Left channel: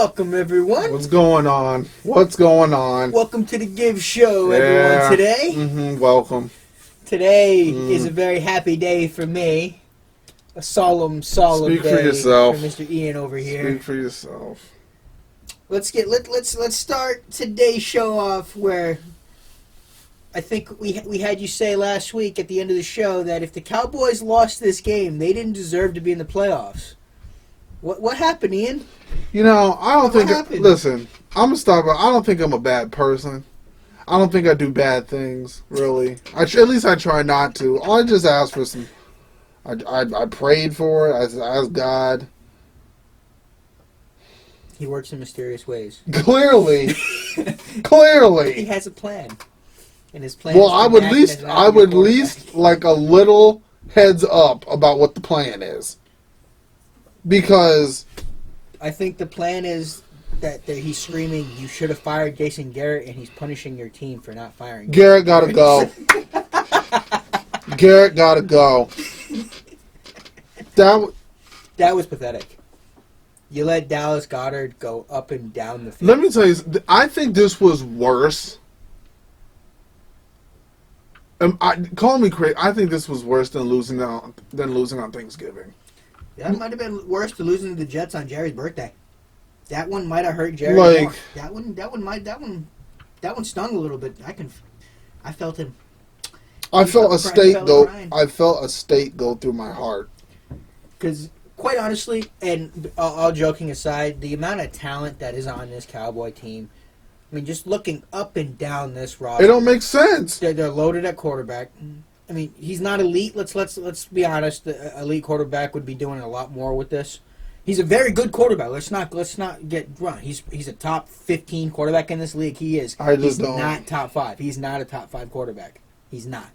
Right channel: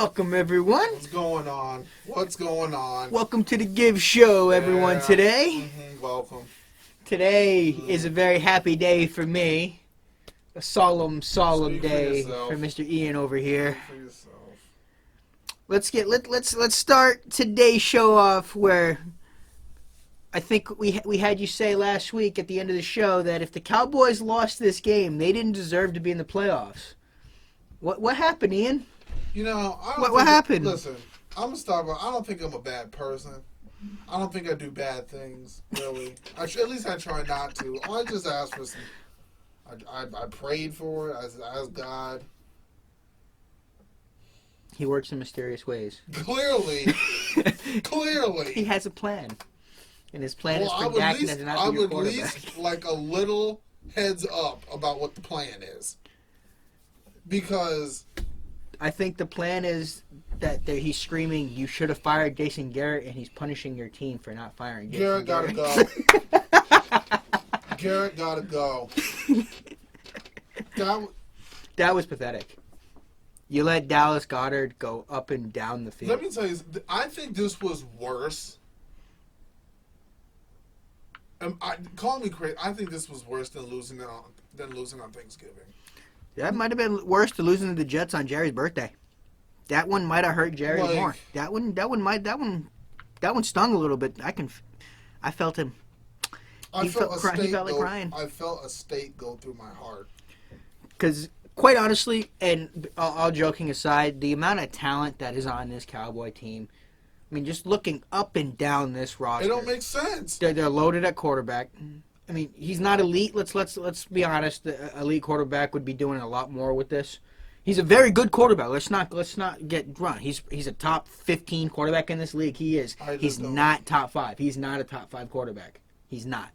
Welcome, everyone. What's going on? What's going on? Welcome to the Giv Show, everyone, today. Welcome. Today is a very happy day for me. A solemn Speak day for yourself. for Mr. Ian over here. Speak for yourself. Let's start today's show off where I think we had you say last week at the end of the show that if the Cowboys lost this game, they didn't deserve to be in the playoffs. What happened, Ian? You know, I don't think. What happened? Listen, I'm gonna start by. I don't think I'm a bad person. I don't think I do bad things. Really, at least I try not to. I just asked for some. I prayed for it. I asked God. He works in mysterious ways. Clearly. He has a plan, and his plan. Well, I would at least like a little heads up about what the plan is, because I think the plan is that he's screaming, "You should have fired Jason Garrett," and he's punishing your team for not firing. Garrett gotta go. Garrett gotta go. That was pathetic. You let Dallas Goedert go up and down the field. Let me tell you, I think this was worse. Call me crazy. I think this was worse than losing on Thanksgiving. That might have been worse than losing to the Jets on Jerry's birthday. That one might have hurt Jerry more. That one stung a little bit. I felt him. I felt a state go through my heart. Because, quite honestly, and all joking aside, the amount of talent that is on this Cowboy team, I mean, just looking up and down this roster, it don't make sense. They're loaded at quarterback. I mean, he's not elite. Let's be honest. The elite quarterback would be doing a lot more with this. He's a very good quarterback. Let's not get wrong. He's a top 15 quarterback in this league. He is. He's not top 5. He's not a top 5 quarterback. He's not.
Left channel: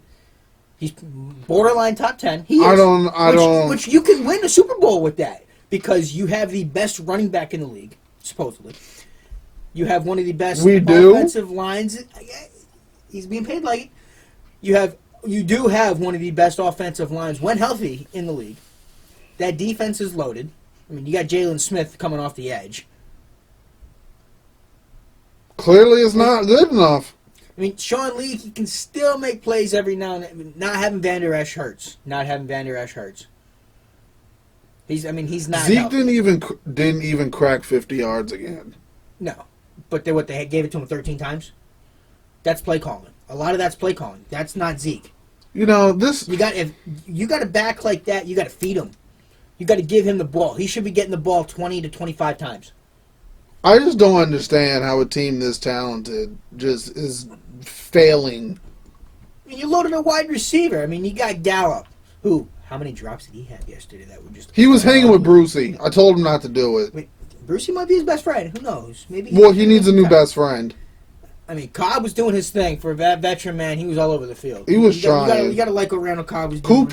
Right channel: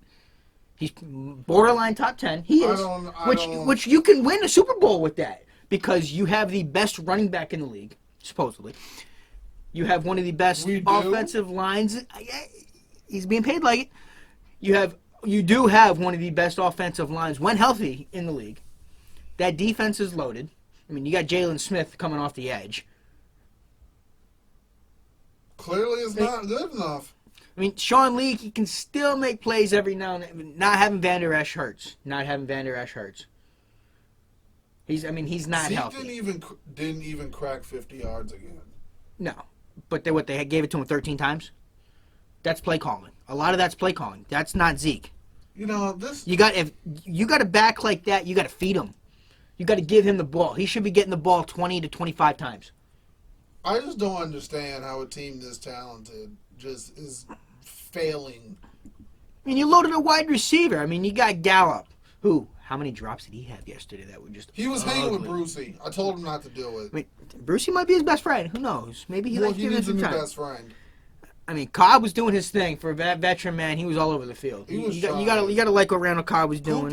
He's borderline top 10. He is. Which you can win a Super Bowl with that because you have the best running back in the league, supposedly. You have one of the best offensive lines. He's being paid like it. You do have one of the best offensive lines when healthy in the league. That defense is loaded. I mean, you got Jalen Smith coming off the edge. Clearly, it's not good enough. I mean, Sean Lee, he can still make plays every now and then. Not having Van Der Esch hurts. He's not. Zeke healthy. didn't even crack 50 yards again. No, but they gave it to him 13 times. That's play calling. A lot of that's play calling. That's not Zeke. You know if you got a back like that, you got to feed him. You got to give him the ball. He should be getting the ball 20 to 25 times. I just don't understand how a team this talented just is failing. I mean, you loaded a wide receiver. I mean, you got Gallup. How many drops did he have yesterday that were just... He was hanging with Brucey. I told him not to do it. I mean, Brucey might be his best friend. Who knows? Maybe. He needs a new best friend. I mean, Cobb was doing his thing. For a veteran man, he was all over the field. He was trying. You got to like what Randall Cobb was doing.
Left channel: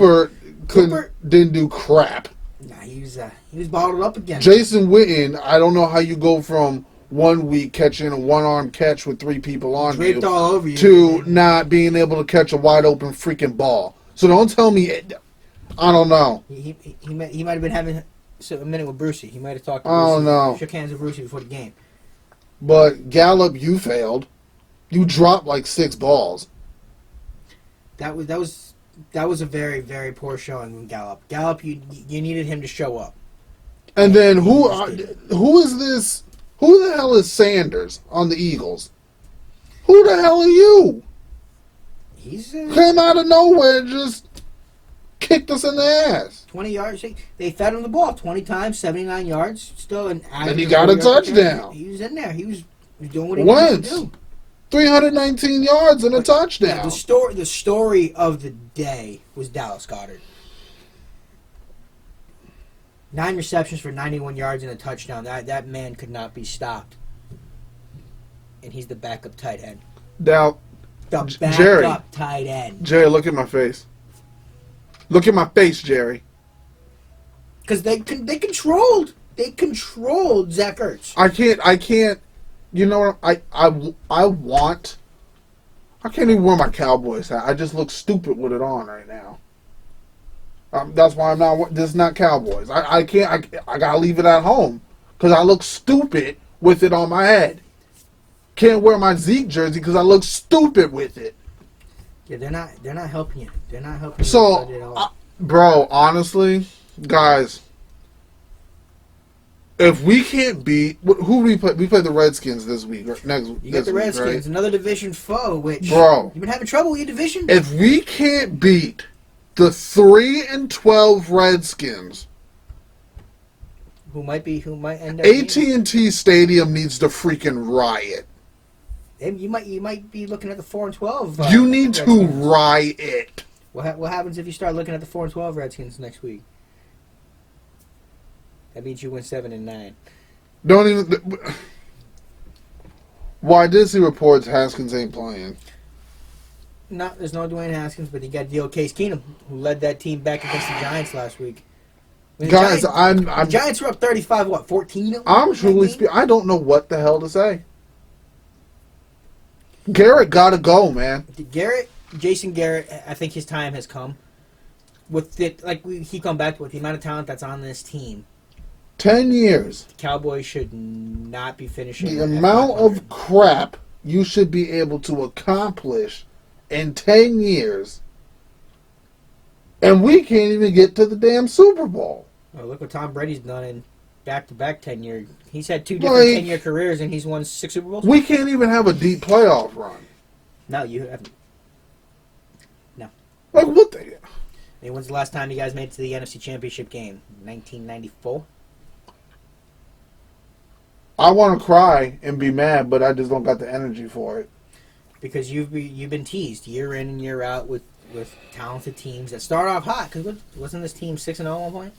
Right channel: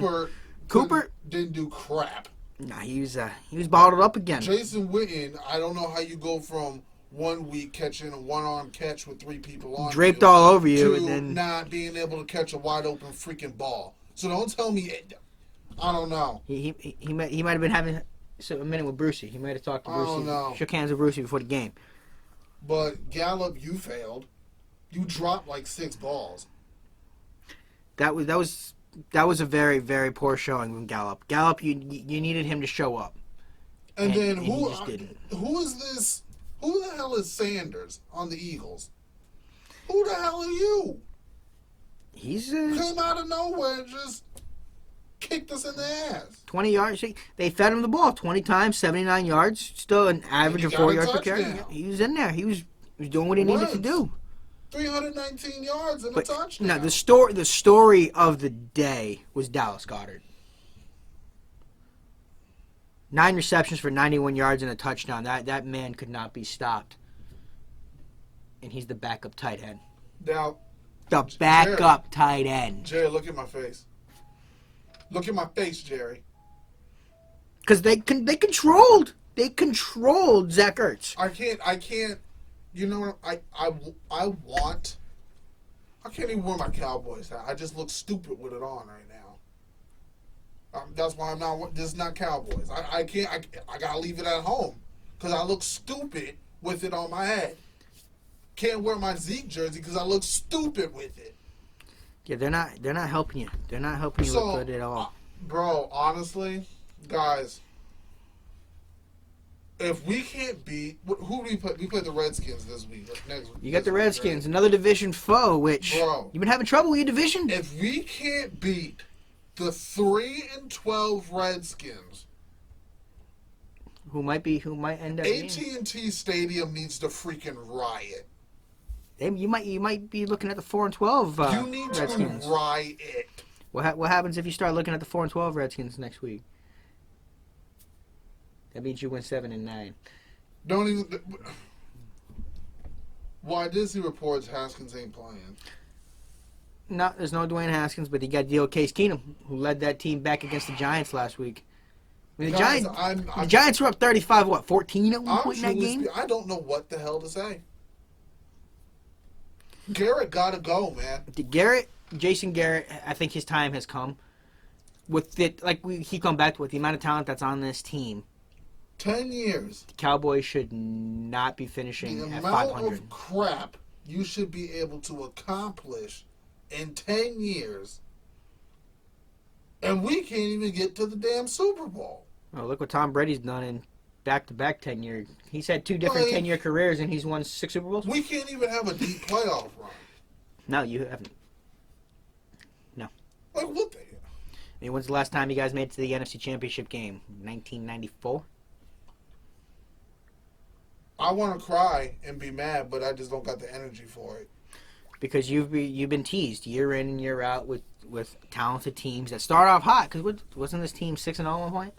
Cooper didn't do crap. Nah, he was bottled up again. Jason Witten, I don't know how you go from 1 week catching a one-arm catch with 3 people on draped all over you to not being able to catch a wide-open freaking ball. So don't tell me, I don't know. He might have been having a minute with Brucey. He might have talked to Brucey. I don't know. Shook hands with Brucey before the game. But Gallup, you failed. You dropped like 6 balls. That was a very, very poor showing from Gallup. Gallup, you needed him to show up. And then who is this? Who the hell is Sanders on the Eagles? Who the hell are you? He's came out of nowhere and just kicked us in the ass. 20 yards. They fed him the ball 20 times, 79 yards. Still an average. And he got a touchdown. He was in there. He was doing what he needed to do. 319 yards and a touchdown. Yeah, the story of the day was Dallas Goedert. 9 receptions for 91 yards and a touchdown. That man could not be stopped. And he's the backup tight end. Now, the backup tight end. Jerry, look at my face. Look at my face, Jerry. Because they controlled Zach Ertz. I can't. You know what? I can't even wear my Cowboys hat. I just look stupid with it on right now. That's why I'm not. This is not Cowboys. I can't. I gotta leave it at home because I look stupid with it on my head. Can't wear my Zeke jersey because I look stupid with it. Yeah, they're not helping you. They're not helping you So, with it at all. bro, honestly, guys, if we can't beat who we play, we play the Redskins this week. You got the Redskins, right? another division foe, which Bro, you've been having trouble with your division. If we can't beat the 3-12 Redskins, who might end up AT&T Stadium needs to freaking riot. And you might be looking at the 4-12. You need to Redskins. riot. What happens if you start looking at the 4-12 Redskins next week? That means you win 7-9. Don't even. Why did see reports Haskins ain't playing? No, there's no Dwayne Haskins, but you got Dio Case Keenum, who led that team back against the Giants last week. I mean, Guys, the Giants were up 35, 14? I'm truly speaking. I don't know what the hell to say. Garrett gotta go, man. Jason Garrett, I think his time has come. With it, like we keep coming back with the amount of talent that's on this team. 10 years. The Cowboys should not be finishing. The amount of crap you should be able to accomplish in 10 years, and we can't even get to the damn Super Bowl. Oh, look what Tom Brady's done in back-to-back 10 year. He's had two different 10-year careers, and he's won 6 Super Bowls. We can't even have a deep playoff run. No, you haven't. No. Like what the? I mean, when's the last time you guys made it to the NFC Championship game? 1994. I want to cry and be mad, but I just don't got the energy for it. Because you've been teased year in and year out with talented teams that start off hot. Because wasn't this team 6-0 at one point?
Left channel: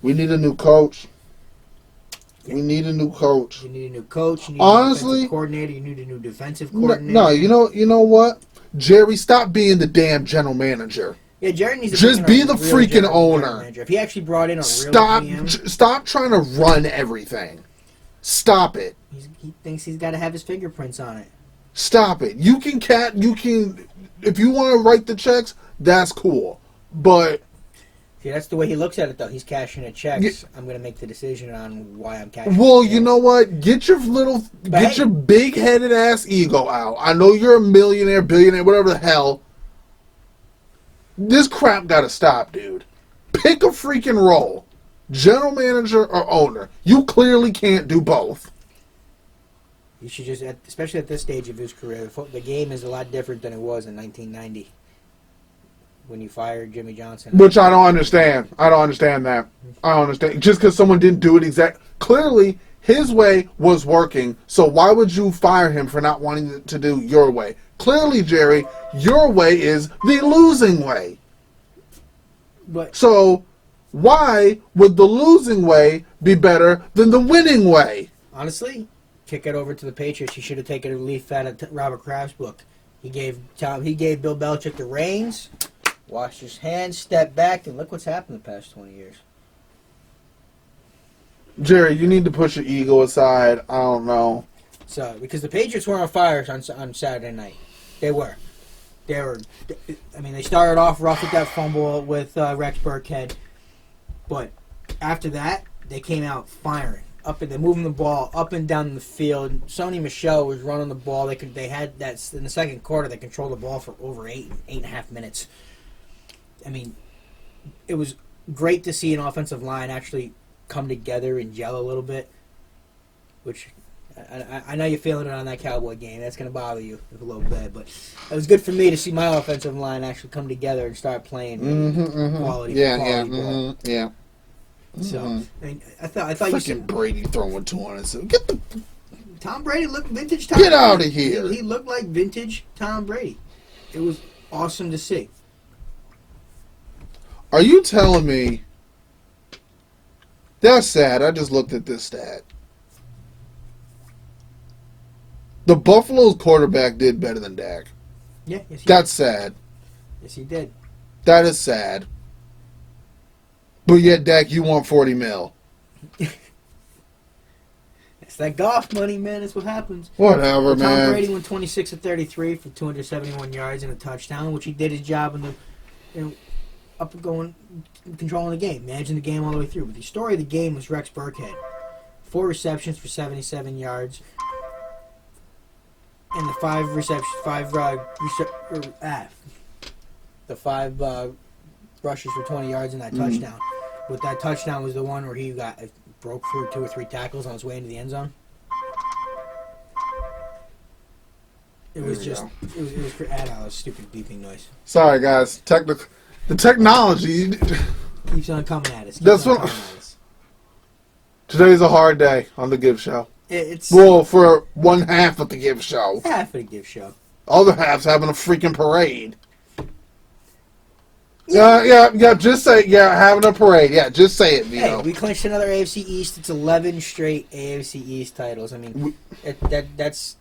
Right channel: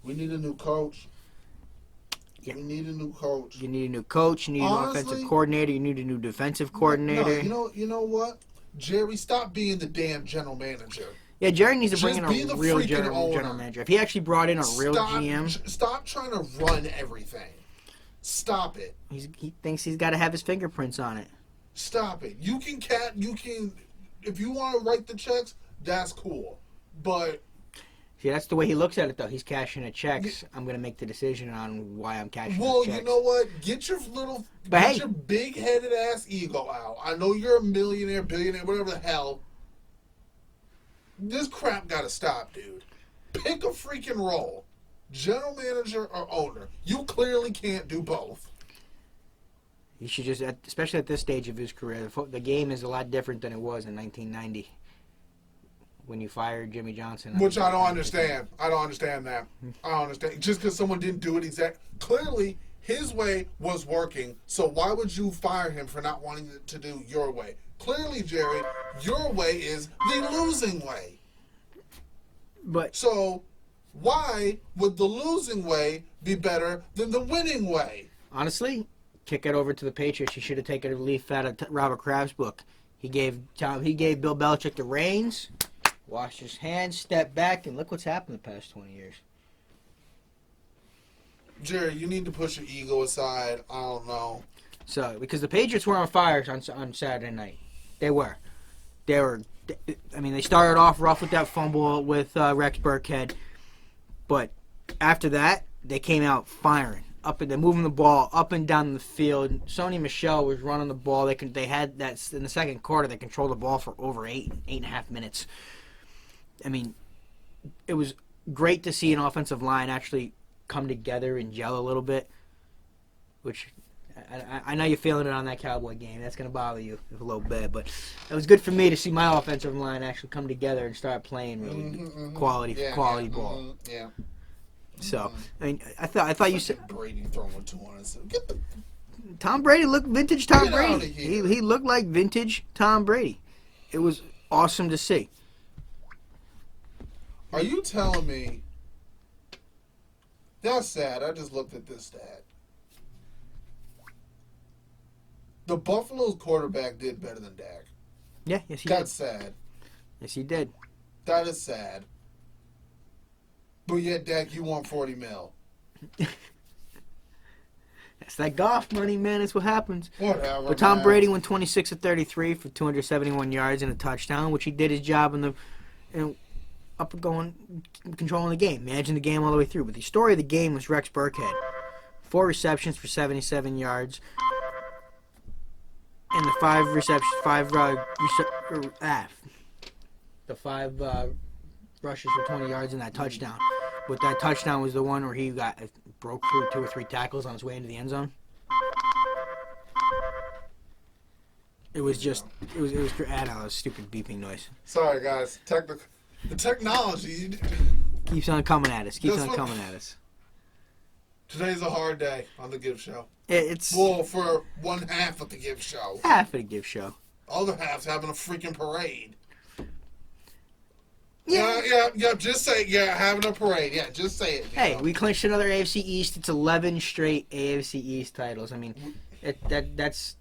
We need a new coach. Yeah. We need a new coach. You need a new coach. You need an offensive coordinator. You need a new defensive coordinator. No, you know what? Jerry, stop being the damn general manager. Yeah, Jerry needs to just be the freaking owner. If he actually brought in a real GM. Stop trying to run everything. Stop it. He thinks he's got to have his fingerprints on it. Stop it. You can if you want to write the checks, that's cool. But see, that's the way he looks at it, though. He's cashing a check. I'm going to make the decision on why I'm cashing. Well, you know what? Get your big-headed ass ego out. I know you're a millionaire, billionaire, whatever the hell. This crap got to stop, dude. Pick a freaking role. General manager or owner. You clearly can't do both. You should just, especially at this stage of his career, the game is a lot different than it was in 1990 when you fired Jimmy Johnson. Which I don't understand. I don't understand that. I don't understand. Just because someone didn't do it clearly, his way was working, so why would you fire him for not wanting to do your way? Clearly, Jerry, your way is the losing way. But so why would the losing way be better than the winning way? Honestly, kick it over to the Patriots. He should have taken a leaf out of Robert Kraft's book. He gave Bill Belichick the reins, washed his hands, stepped back, and look what's happened the past 20 years. Jerry, you need to push your ego aside. I don't know. So, because the Patriots were on fire on Saturday night. They were. I mean, they started off rough with that fumble with Rex Burkhead. But after that, they came out firing. They're moving the ball up and down the field. Sony Michel was running the ball. They had that in the second quarter. They controlled the ball for over 8.5 minutes. I mean, it was great to see an offensive line actually come together and gel a little bit. Which I know you're feeling it on that Cowboy game. That's going to bother you a little bit, but it was good for me to see my offensive line actually come together and start playing quality ball. Yeah. So I mean, I thought you said Brady throwing 200. So get the Tom Brady looked vintage. Tom Brady. Out of here. He looked like vintage Tom Brady. It was awesome to see. Are you telling me? That's sad. I just looked at this stat. The Buffalo's quarterback did better than Dak. Yeah, yes, he That's did. sad. Yes, he did. That is sad. But yet, Dak, you want $40 million. That's that golf money, man. That's what happens. Whatever, man. Tom Brady went 26 of 33 for 271 yards and a touchdown, which he did his job in the controlling the game, managing the game all the way through. But the story of the game was Rex Burkhead. 4 receptions for 77 yards. And the 5 receptions, 5 the 5 rushes for 20 yards and that touchdown. But that touchdown was the one where he broke through 2 or 3 tackles on his way into the end zone. It was just, it was a stupid beeping noise. Sorry, guys. The technology Keeps on coming at us. Today's a hard day on the Giv Show. It's Well, for one half of the Giv Show. half of the Giv Show. Other half's having a freaking parade. Yeah, just say, having a parade. Yeah, just say it, Vito. Hey, we clinched another AFC East. It's 11 straight AFC East titles. I mean, that's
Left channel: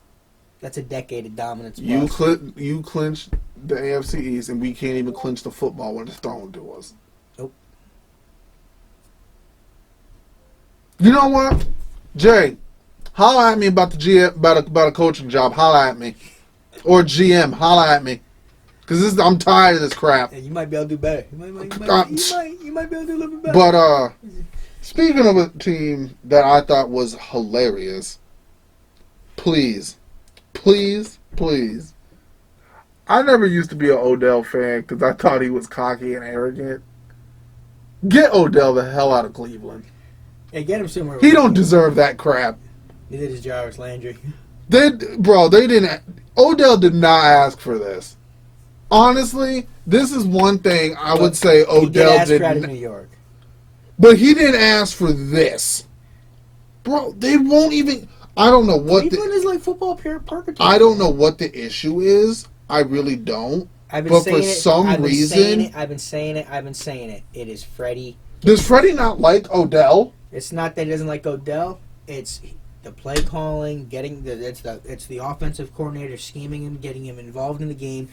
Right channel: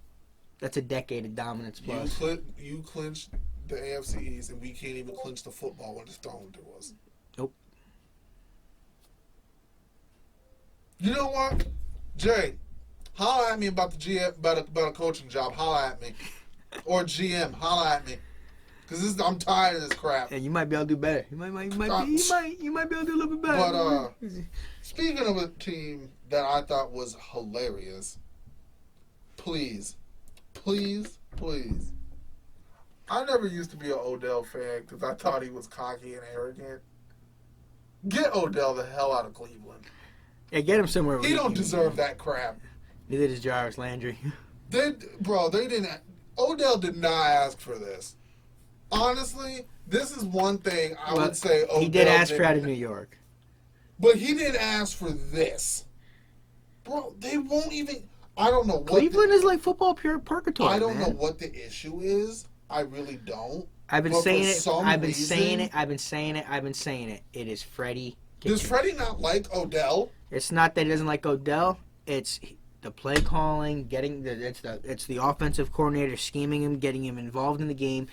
a decade of dominance. You clinched the AFC East, and we can't even clinch the football when it's thrown to us. Nope. You know what, Jay? Holla at me about the GM, about a coaching job. Holla at me, or GM. Holla at me, because I'm tired of this crap. And you might be able to do better. You might be able to do a little bit better. But speaking of a team that I thought was hilarious, please. I never used to be an Odell fan because I thought he was cocky and arrogant. Get Odell the hell out of Cleveland. Yeah, get him somewhere. He don't deserve that crap. Neither does Jarvis Landry. They didn't. Odell did not ask for this. Honestly, this is one thing I would say Odell did. New York. But he didn't ask for this. Bro, they won't even. I don't know what. Cleveland is like football purgatory. I don't know what the issue is. I really don't. I've been saying it. It is Freddie. Does Freddie not like Odell? It's not that he doesn't like Odell. It's the play calling, it's the offensive coordinator scheming him, getting him involved in the game.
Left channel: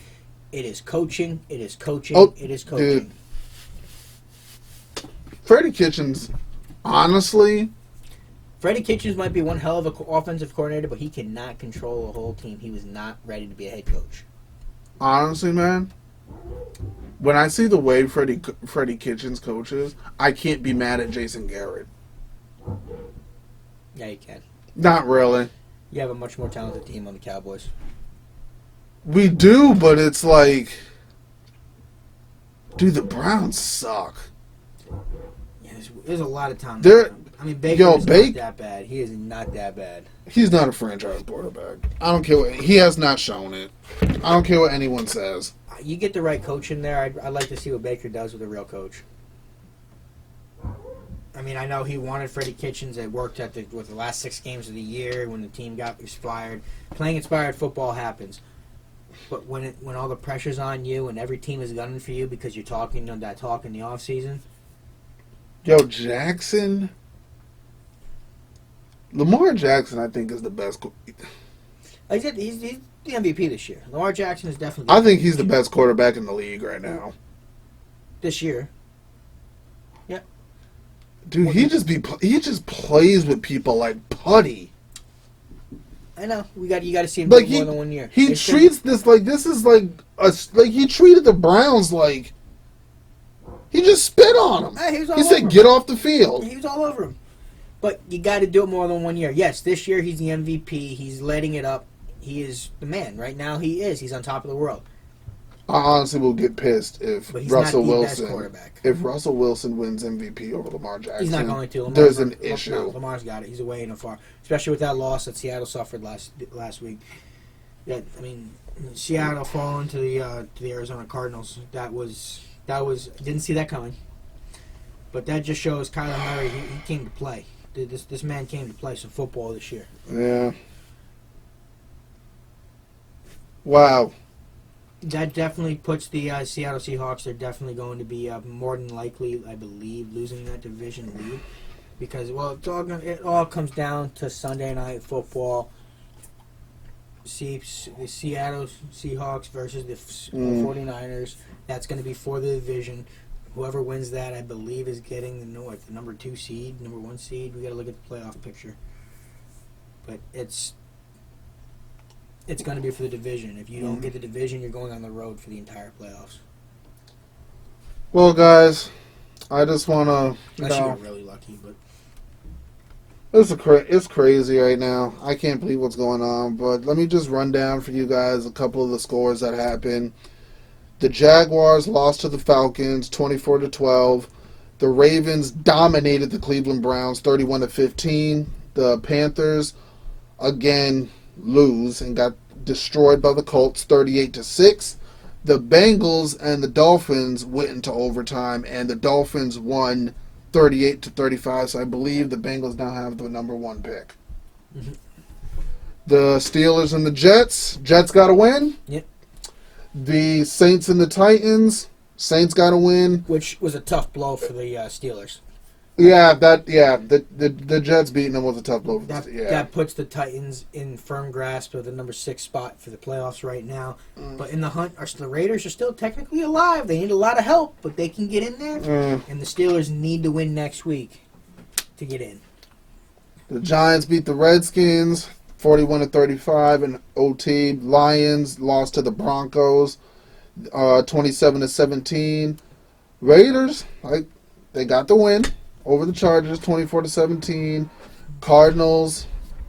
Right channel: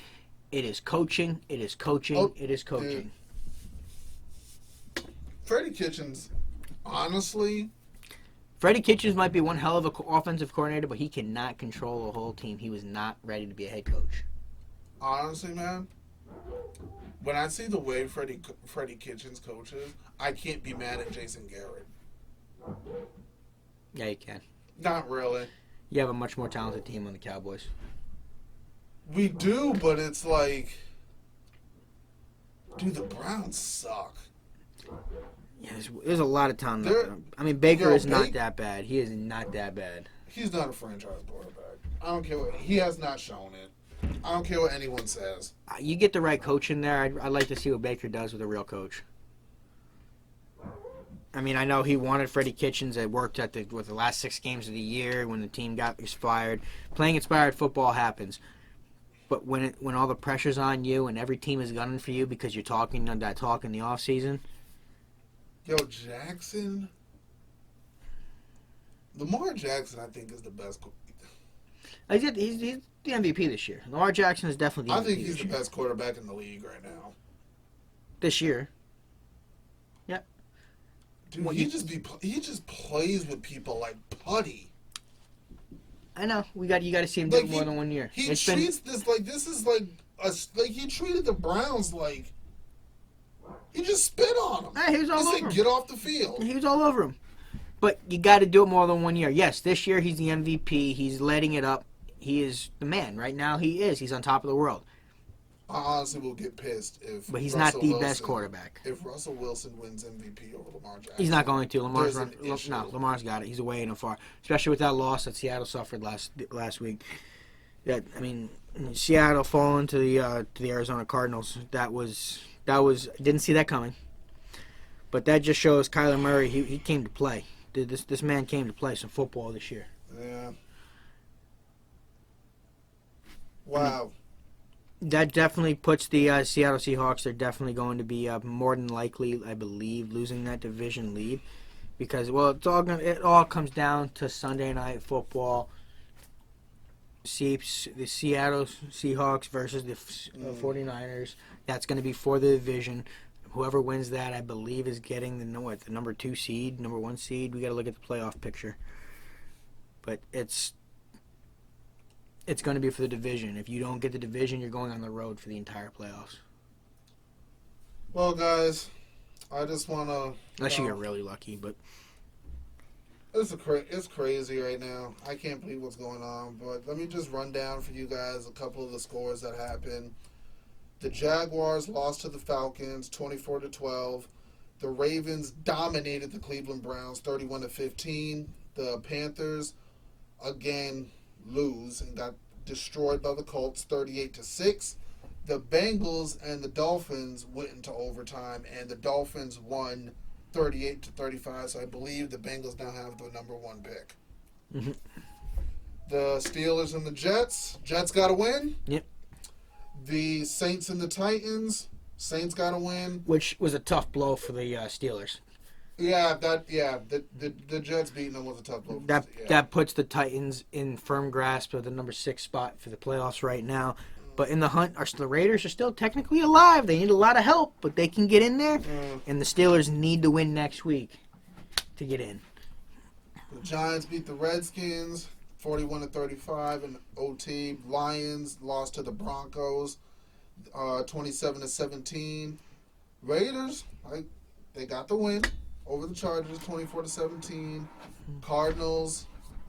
It is coaching. It is coaching. It is coaching. Dude. Freddie Kitchens, honestly. Freddie Kitchens might be one hell of an offensive coordinator, but he cannot control a whole team. He was not ready to be a head coach. Honestly, man, when I see the way Freddie Kitchens coaches, I can't be mad at Jason Garrett. Yeah, you can. Not really. You have a much more talented team on the Cowboys. We do, but it's like, dude, the Browns suck. Yeah, there's a lot of talent. I mean, Baker is not that bad. He is not that bad. He's not a franchise quarterback. I don't care he has not shown it. I don't care what anyone says. You get the right coach in there. I'd like to see what Baker does with a real coach. I mean, I know he wanted Freddie Kitchens. It worked with the last 6 games of the year when the team got inspired. Playing inspired football happens. But when all the pressure's on you and every team is gunning for you because you're talking that talk in the offseason. Yo, Jackson. Lamar Jackson, I think, is the best. He's the MVP this year. Lamar Jackson is definitely. I think he's the best quarterback in the league right now. This year. Yeah. Dude, he just plays with people like putty. I know. You got to see him do more than 1 year. He treats this like this is like he treated the Browns like he just spit on them. He said, "Get off the field." He was all over him. But you got to do it more than 1 year. Yes, this year he's the MVP. He's letting it up. He is the man. Right now he is. He's on top of the world. I honestly will get pissed if but he's Russell not the Wilson, best quarterback. If Russell Wilson wins MVP over Lamar Jackson, he's not going to. There's an issue. No, Lamar's got it. He's away and afar, especially with that loss that Seattle suffered last week. Seattle falling to the Arizona Cardinals. That was didn't see that coming. But that just shows Kyler Murray. He came to play. This man came to play some football this year. Yeah. Wow. That definitely puts the Seattle Seahawks. They're definitely going to be more than likely, I believe, losing that division lead because it all comes down to Sunday Night Football. The Seattle Seahawks versus the 49ers. That's going to be for the division. Whoever wins that, I believe, is getting the number 2 seed, number 1 seed. We got to look at the playoff picture, but it's going to be for the division. If you don't get the division, you're going on the road for the entire playoffs. Well, guys, I just want to. Unless you get really lucky, but It's crazy right now. I can't believe what's going on. But let me just run down for you guys a couple of the scores that happened. The Jaguars lost to the Falcons 24-12. The Ravens dominated the Cleveland Browns 31-15. The Panthers again lose and got destroyed by the Colts 38-6. The Bengals and the Dolphins went into overtime, and the Dolphins won 38-35. So I believe the Bengals now have the number one pick. Mm-hmm. The Steelers and the Jets. Jets got to win. Yep. The Saints and the Titans. Saints got to win. Which was a tough blow for the Steelers. The Jets beating them was a tough blow. That puts the Titans in firm grasp of the number 6 spot for the playoffs right now. But in the hunt, the Raiders are still technically alive. They need a lot of help, but they can get in there. And the Steelers need to win next week to get in. The Giants beat the Redskins 41-35 in OT. Lions lost to the Broncos 27-17. Raiders, they got the win over the Chargers 24-17. Cardinals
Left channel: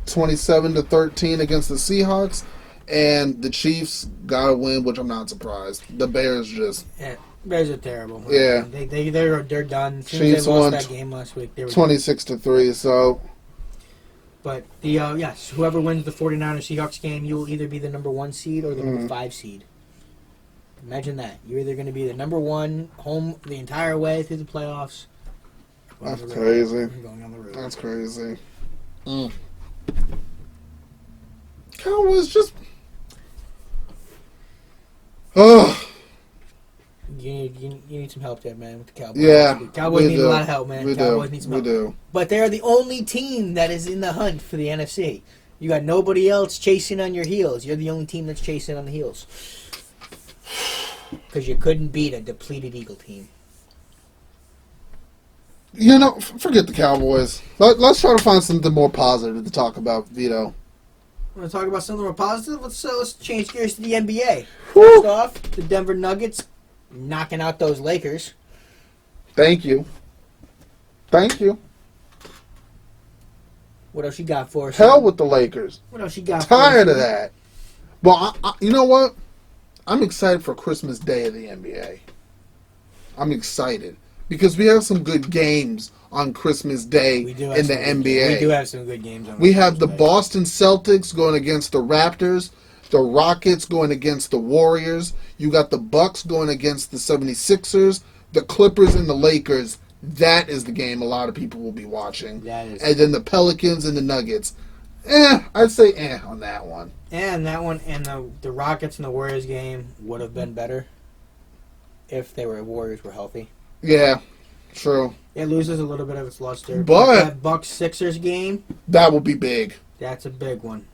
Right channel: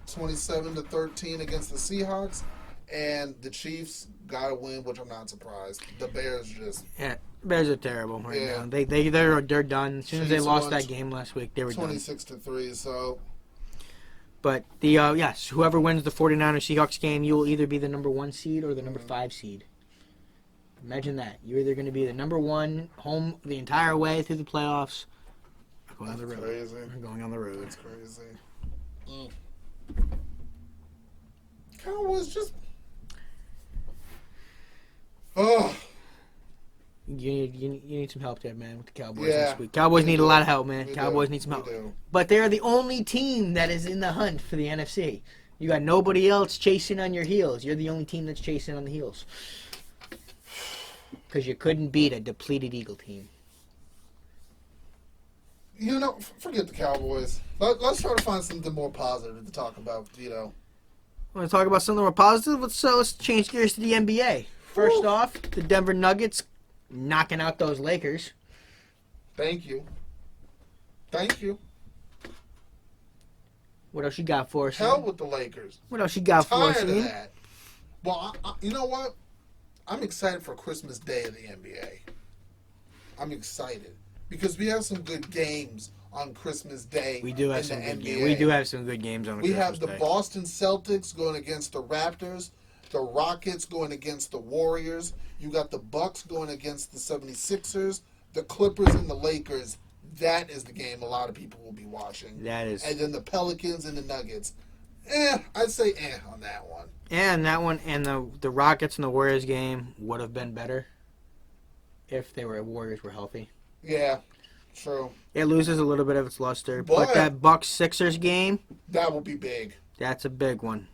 27-13 against the Seahawks. And the Chiefs got a win, which I'm not surprised. The Bears just... Yeah, Bears are terrible. Yeah. They're done. As soon as they lost that game last week, they were 26-3, so... But whoever wins the 49ers-Seahawks game, you will either be the number 1 seed or the number 5 seed. Imagine that. You're either going to be the number 1 home the entire way through the playoffs. That's crazy. Going on the road. That's crazy. Cowboys just... Oh. You need some help there, man, with the Cowboys. Yeah. Cowboys need a lot of help, man. We Cowboys need some help. We do. But they're the only team that is in the hunt for the NFC. You got nobody else chasing on your heels. You're the only team that's chasing on the heels. Because you couldn't beat a depleted Eagle team. You know, forget the Cowboys. Let's try to find something more positive to talk about, Vito. Want to talk about something more positive? Let's change gears to the NBA. Woo! First off, the Denver Nuggets knocking out those Lakers. Thank you. What else you got for us? Hell with the Lakers. What else you got for us? Tired of that. Well, you know what? I'm excited for Christmas Day of the NBA. I'm excited because we have some good games on Christmas Day in the NBA. We do have some good games on. We have the Boston Celtics going against the Raptors, the Rockets going against the Warriors. You got the Bucks going against the 76ers, the Clippers and the Lakers. That is the game a lot of people will be watching. That is. And then the Pelicans and the Nuggets. I'd say on that one. And that one, and the Rockets and the Warriors game would have been better if Warriors were healthy. Yeah, true. It loses a little bit of its luster. But that Bucks-Sixers game, that will be big. That's a big one.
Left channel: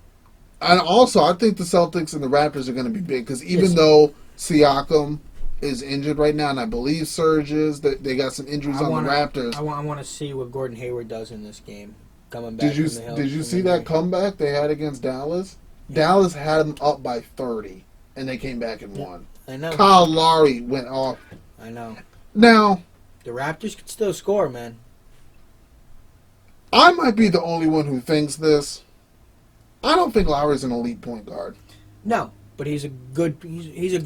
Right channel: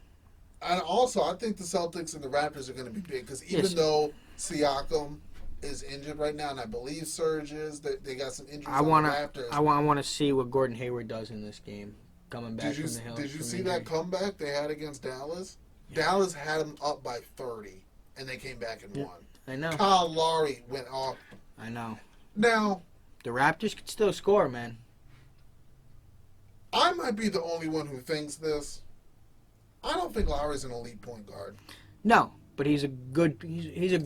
And also, I think the Celtics and the Raptors are going to be big because even though Siakam is injured right now, and I believe Serge is, they got some injuries on the Raptors. I want to see what Gordon Hayward does in this game. Coming back. Did you see that comeback they had against Dallas? Yeah. Dallas had them up by 30, and they came back and won. I know. Kyle Lowry went off. I know. Now, the Raptors could still score, man. I might be the only one who thinks this. I don't think Lowry's an elite point guard. No, but he's a good. He's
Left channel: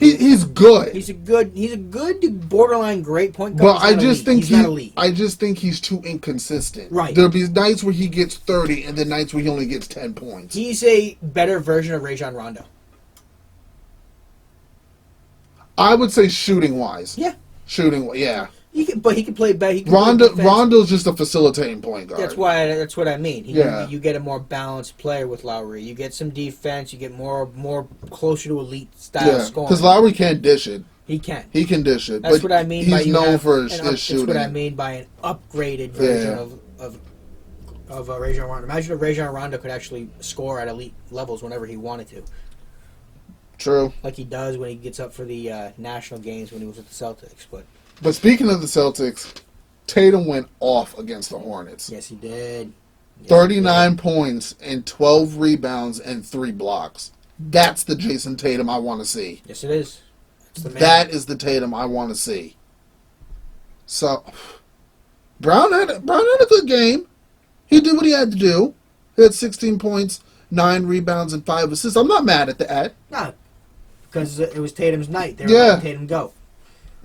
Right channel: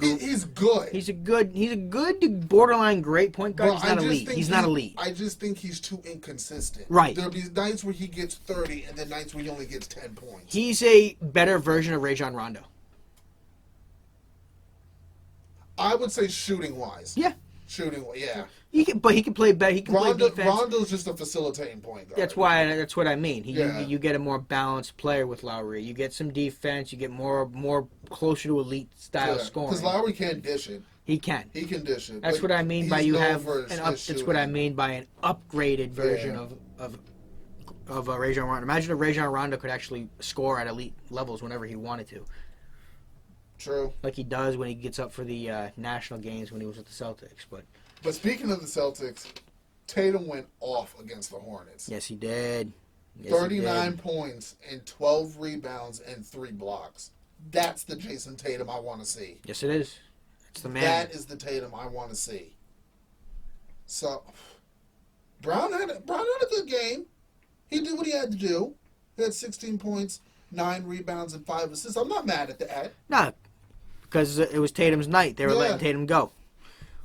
good. He's a good borderline great point guard. But he's not elite. I just think he's too inconsistent. Right. There'll be nights where he gets 30, and then nights where he only gets 10 points. He's a better version of Rajon Rondo. I would say shooting wise. Yeah. Yeah. He can play better. Rondo's just a facilitating point guard. That's what I mean. You get a more balanced player with Lowry. You get some defense. You get more closer to elite style scoring. Because Lowry can't dish it. He can. He can dish it. That's what I mean by he's known for his shooting. That's what I mean by an upgraded version of Rajon Rondo. Imagine if Rajon Rondo could actually score at elite levels whenever he wanted to. True. Like he does when he gets up for the national games when he was with the Celtics. But speaking of the Celtics, Tatum went off against the Hornets. Yes, he did. 39 points and 12 rebounds and 3 blocks. That's the Jason Tatum I want to see. Yes, it is. That's the man. That is the Tatum I want to see. So, Brown had a good game. He did what he had to do. He had 16 points, 9 rebounds, and 5 assists. I'm not mad at that. No, because it was Tatum's night. They were Yeah. letting Tatum go.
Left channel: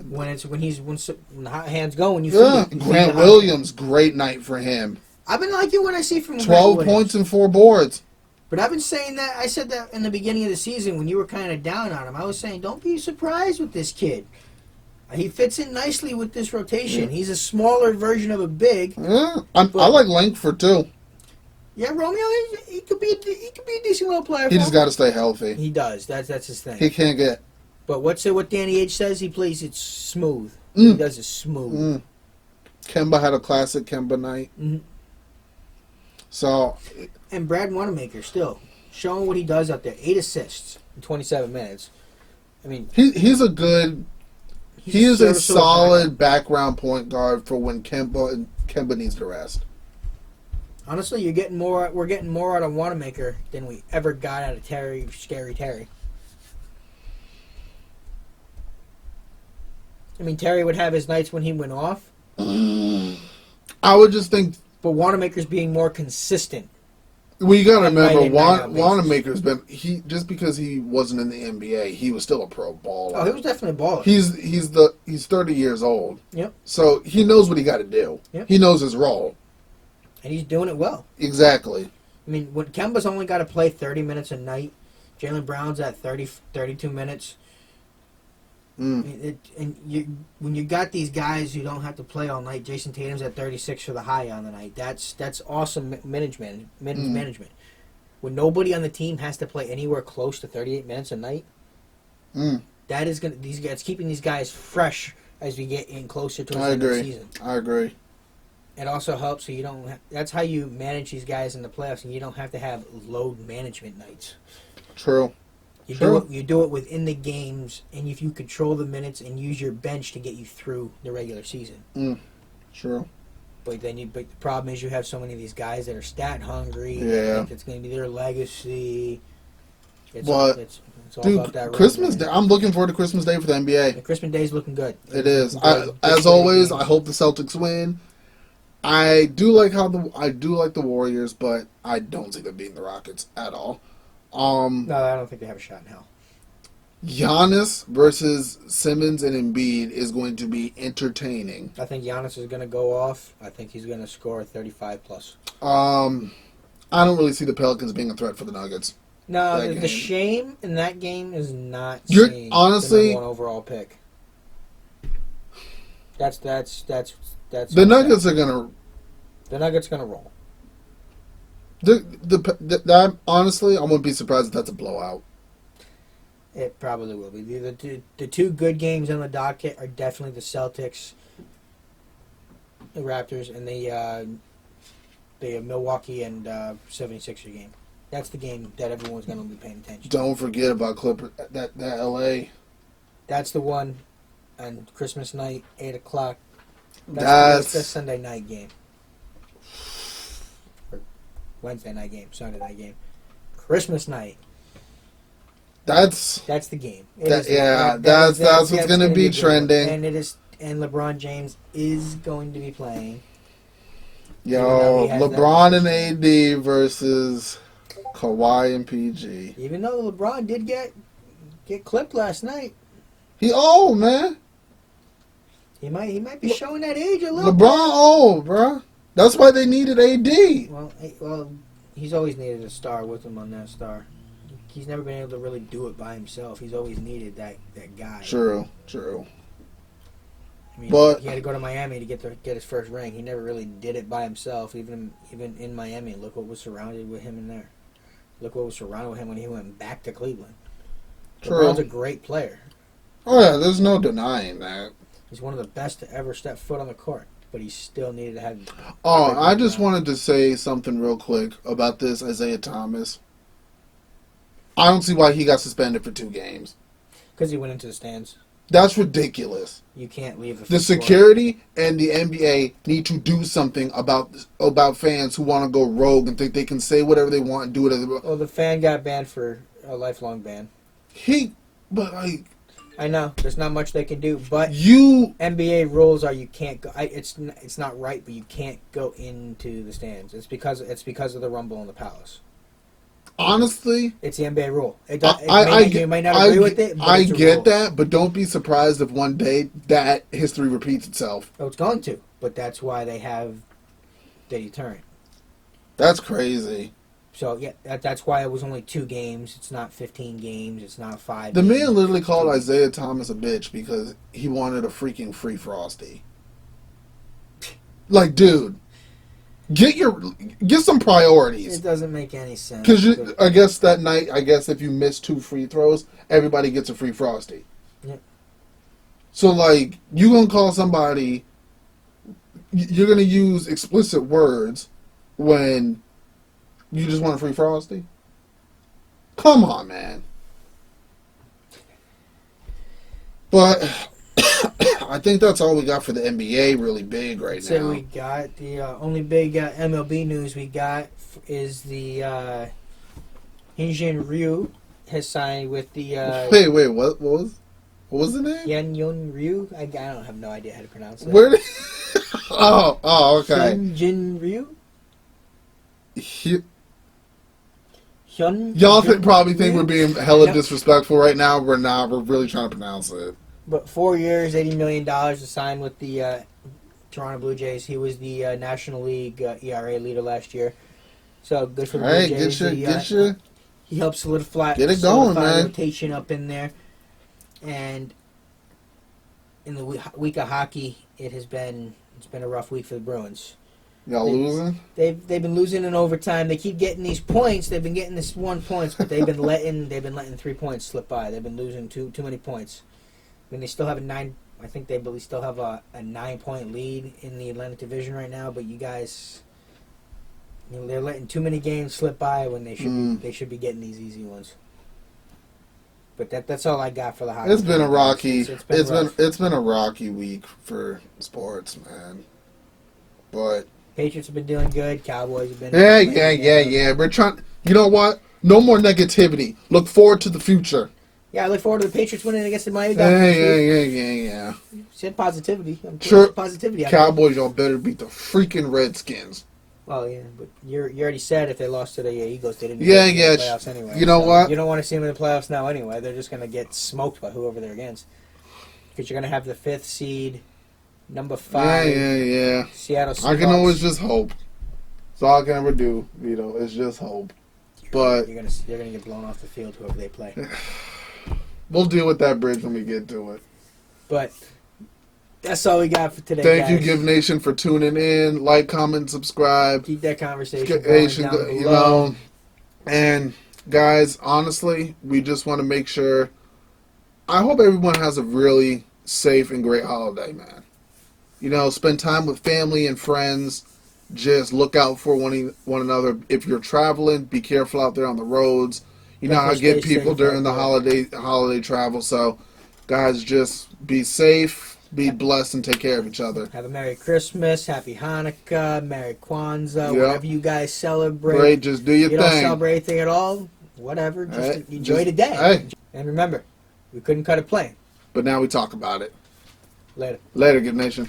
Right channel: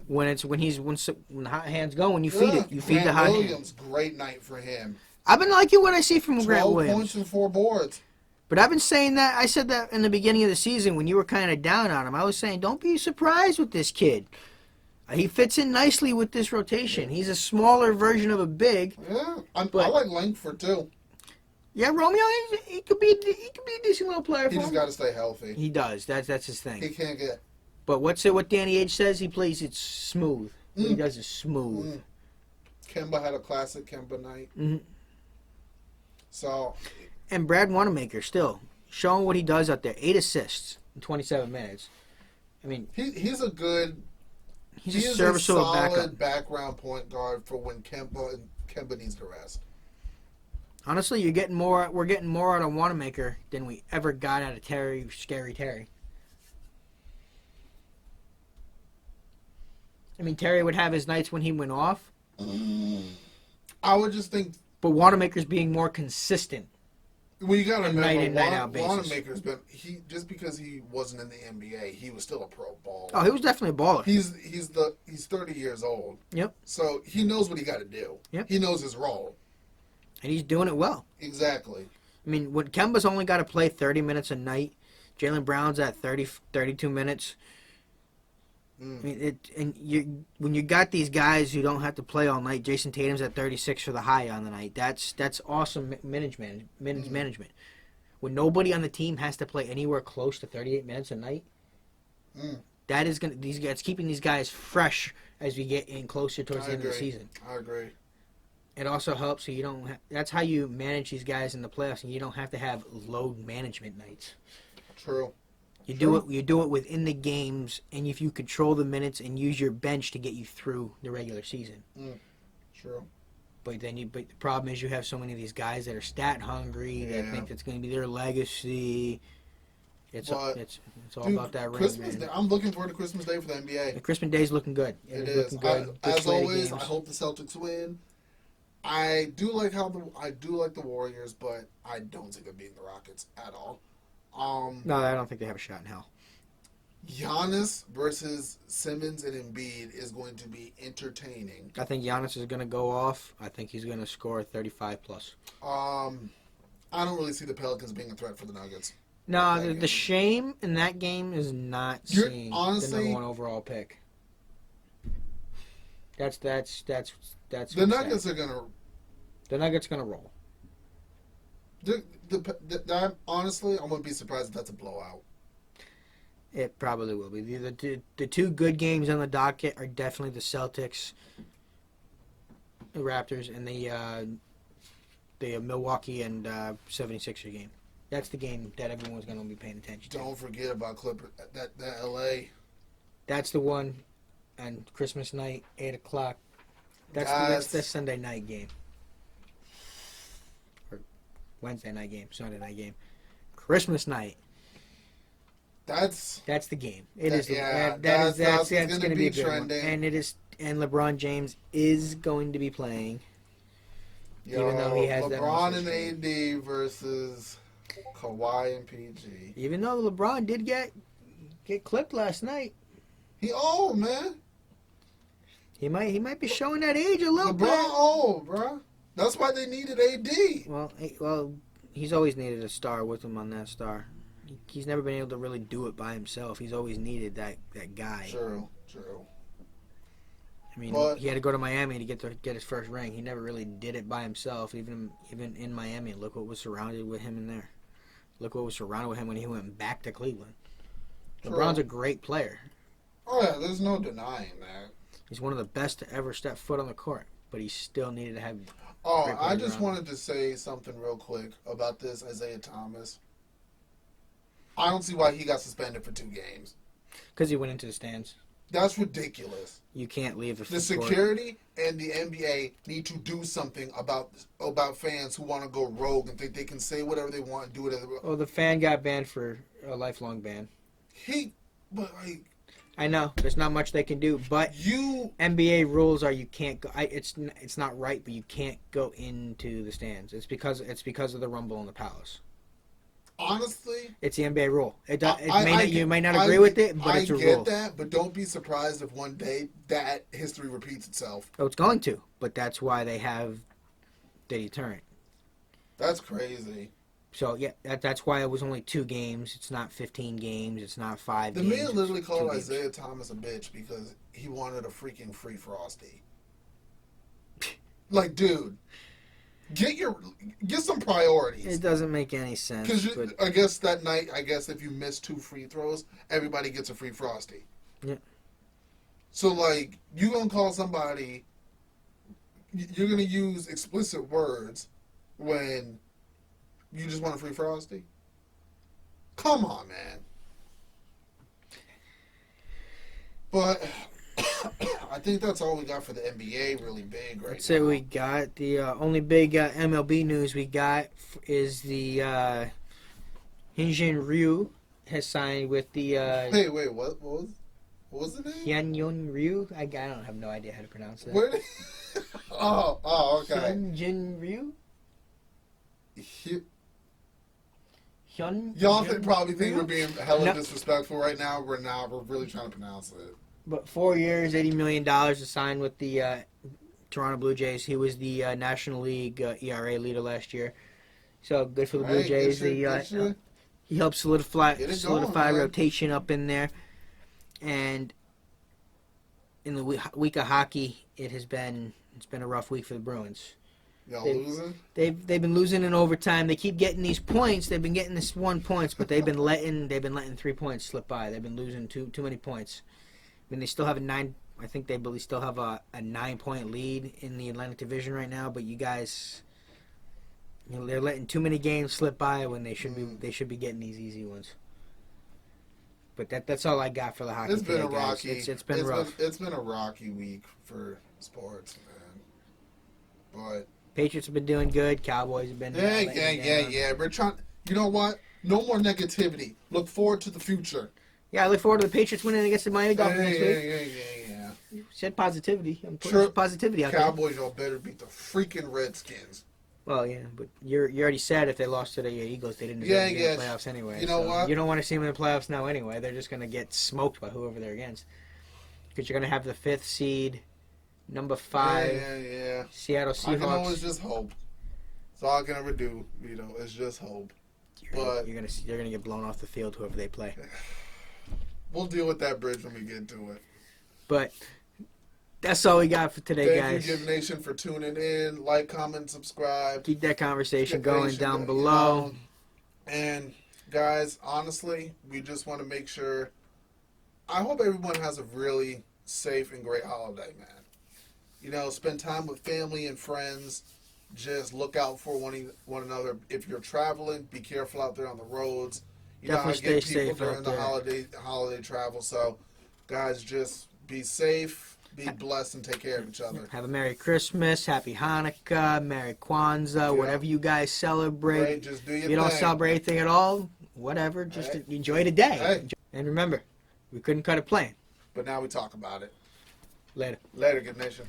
When the hot hands go, when you Yeah, feed it. Grant Williams, great night for him. I've been liking what I see from Grant 12 Williams. points and 4 boards. But I've been saying that. I said that in the beginning of the season when you were kind of down on him. I was saying, don't be surprised with this kid. He fits in nicely with this rotation. He's a smaller version of a big. Yeah, I like Langford too. Yeah, Romeo, he could be a decent little player. He just got to stay healthy. He does. That's his thing. He can't get. But what Danny H says? He plays it smooth. He does it smooth. Kemba had a classic Kemba night. Mm-hmm. So. And Brad Wanamaker still showing what he does out there. 8 assists in 27 minutes. I mean, he's a good. He is a serviceable solid background point guard for when Kemba needs to rest. Honestly, we're getting more out of Wanamaker than we ever got out of Scary Terry. I mean, Terry would have his nights when he went off. I would just think. But Wanamaker's being more consistent. Well, you got to remember, night Wanamaker's been just because he wasn't in the NBA, he was still a pro baller. Oh, he was definitely a baller. He's 30 years old. Yep. So he knows what he got to do. Yep. He knows his role. And he's doing it well. Exactly. I mean, when Kemba's only got to play 30 minutes a night, Jaylen Brown's at 32 minutes. I mean, when you got these guys who don't have to play all night, Jason Tatum's at 36 for the high on the night. That's awesome management. When nobody on the team has to play anywhere close to 38 minutes a night, that is it's keeping these guys fresh as we get in closer to the end of the season. I agree. It also helps so you don't. That's how you manage these guys in the playoffs, and you don't have to have load management nights. True. You do it within the games, and if you control the minutes and use your bench to get you through the regular season. True. But the problem is you have so many of these guys that are stat hungry. Yeah. They think it's going to be their legacy. It's all about that. Christmas Day. I'm looking forward to Christmas Day for the NBA. And Christmas Day is looking good. It is. As always, I hope the Celtics win. I do like the Warriors, but I don't see them beating the Rockets at all. No, I don't think they have a shot in hell. Giannis versus Simmons and Embiid is going to be entertaining. I think Giannis is going to go off. I think he's going to score 35 plus. I don't really see the Pelicans being a threat for the Nuggets. No, the shame in that game is not honestly the number 1 overall pick. That's the Nuggets are gonna. The Nuggets gonna roll. Honestly, I'm gonna be surprised if that's a blowout. It probably will be. The two good games on the docket are definitely the Celtics, the Raptors, and the Milwaukee and 76er game. That's the game that everyone's gonna be paying attention to. Don't forget about Clippers. That LA. That's the one on Christmas night, 8:00. That's the Sunday night game. Or Wednesday night game, Sunday night game. Christmas night. That's the game. That's what's going to be trending. And LeBron James is going to be playing. Yo, LeBron and AD versus Kawhi and PG. Even though LeBron did get clipped last night. He old, man. He might be showing that age a little bit. LeBron old, bro. That's why they needed AD. Well, he's always needed a star with him on that star. He's never been able to really do it by himself. He's always needed that guy. True. I mean, he had to go to Miami to get his first ring. He never really did it by himself, even in Miami. Look what was surrounded with him in there. Look what was surrounded with him when he went back to Cleveland. True. LeBron's a great player. Oh, yeah, there's no denying that. He's one of the best to ever step foot on the court, but he still needed to have... Oh, I just wanted to say something real quick about this Isaiah Thomas. I don't see why he got suspended for 2 games. Because he went into the stands. That's ridiculous. You can't leave the security and the NBA need to do something about fans who want to go rogue and think they can say whatever they want and do whatever. Well, the fan got banned for a lifelong ban. I know there's not much they can do, but You NBA rules are you can't go. It's not right, but you can't go into the stands. It's because of the Rumble in the Palace. honestly, It's the NBA rule. You might not agree with it, but I it's a get rule. that, but don't be surprised if one day that history repeats itself. Oh, it's going to, but that's why they have the deterrent. That's crazy. So yeah, that's why it was only 2 games. It's not 15 games. It's not 5. The games. man literally It's called 2 games. Isaiah Thomas a bitch because he wanted a freaking free Frosty. Like, dude, get some priorities. It doesn't make any sense. Because I guess that night, if you miss 2 free throws, everybody gets a free Frosty. Yeah. So, like, you gonna call somebody, you're gonna use explicit words when you just want a free Frosty? Come on, man. But I think that's all we got for the NBA really big right now. So we got the only big MLB news we got is the Hyunjin Ryu has signed with the Wait, what was the name? Hyunjin Ryu. I don't have no idea how to pronounce it. Where did Oh, okay. Hyunjin Ryu. Y'all probably think Ryu? we're being hella Yep. disrespectful right now. We're not. We're really trying to pronounce it. But 4 years, $80 million to sign with the Toronto Blue Jays. He was the National League ERA leader last year. So good for the All right, Blue Jays. get your He helped solidify going, man. rotation up in there. And in the week of hockey, it's been a rough week for the Bruins. y'all losing. They've been losing in overtime. They keep getting these points. They've been getting this 1 points, but they've been letting 3 points slip by. They've been losing too many points. And they still have I think they still have a 9-point lead in the Atlantic Division right now. But you guys, they're letting too many games slip by when they should be getting these easy ones. But that's all I got for the hockey. It's been a rocky. It's been a rocky week for sports, man. But Patriots have been doing good. Cowboys have been. yeah. We're trying. You know what? No more negativity. Look forward to the future. Yeah, I look forward to the Patriots winning against the Miami Dolphins. Yeah. Said positivity. I'm Sure. Positivity. Cowboys, y'all better beat the freaking Redskins. Well, yeah, but you already said if they lost to the Eagles, they didn't Yeah. get in the playoffs anyway. You know what? You don't want to see them in the playoffs now anyway. They're just going to get smoked by whoever they're against. Because you're going to have the 5th seed, number 5. Yeah. Seattle Seahawks. I can always just hope. That's all I can ever do, Vito. Is just hope. But you're gonna get blown off the field whoever they play. we'll deal with that bridge when we get to it. But that's all we got for today. Thank guys. you, Giv Nation, for tuning in. Like, comment, subscribe. Keep that conversation going down below. And guys, honestly, we just want to make sure. I hope everyone has a really safe and great holiday, man. Spend time with family and friends. Just look out for one another. If you're traveling, be careful out there on the roads. You know how I get people during the holiday travel. So, guys, just be safe, be blessed, and take care of each other. Have a Merry Christmas, Happy Hanukkah, Merry Kwanzaa, whatever you guys celebrate. Great, just do your thing. You don't celebrate anything at all, whatever. Just enjoy the day. Hey. And remember, we couldn't cut it plain. But now we talk about it. Later. Later, Giv Nation.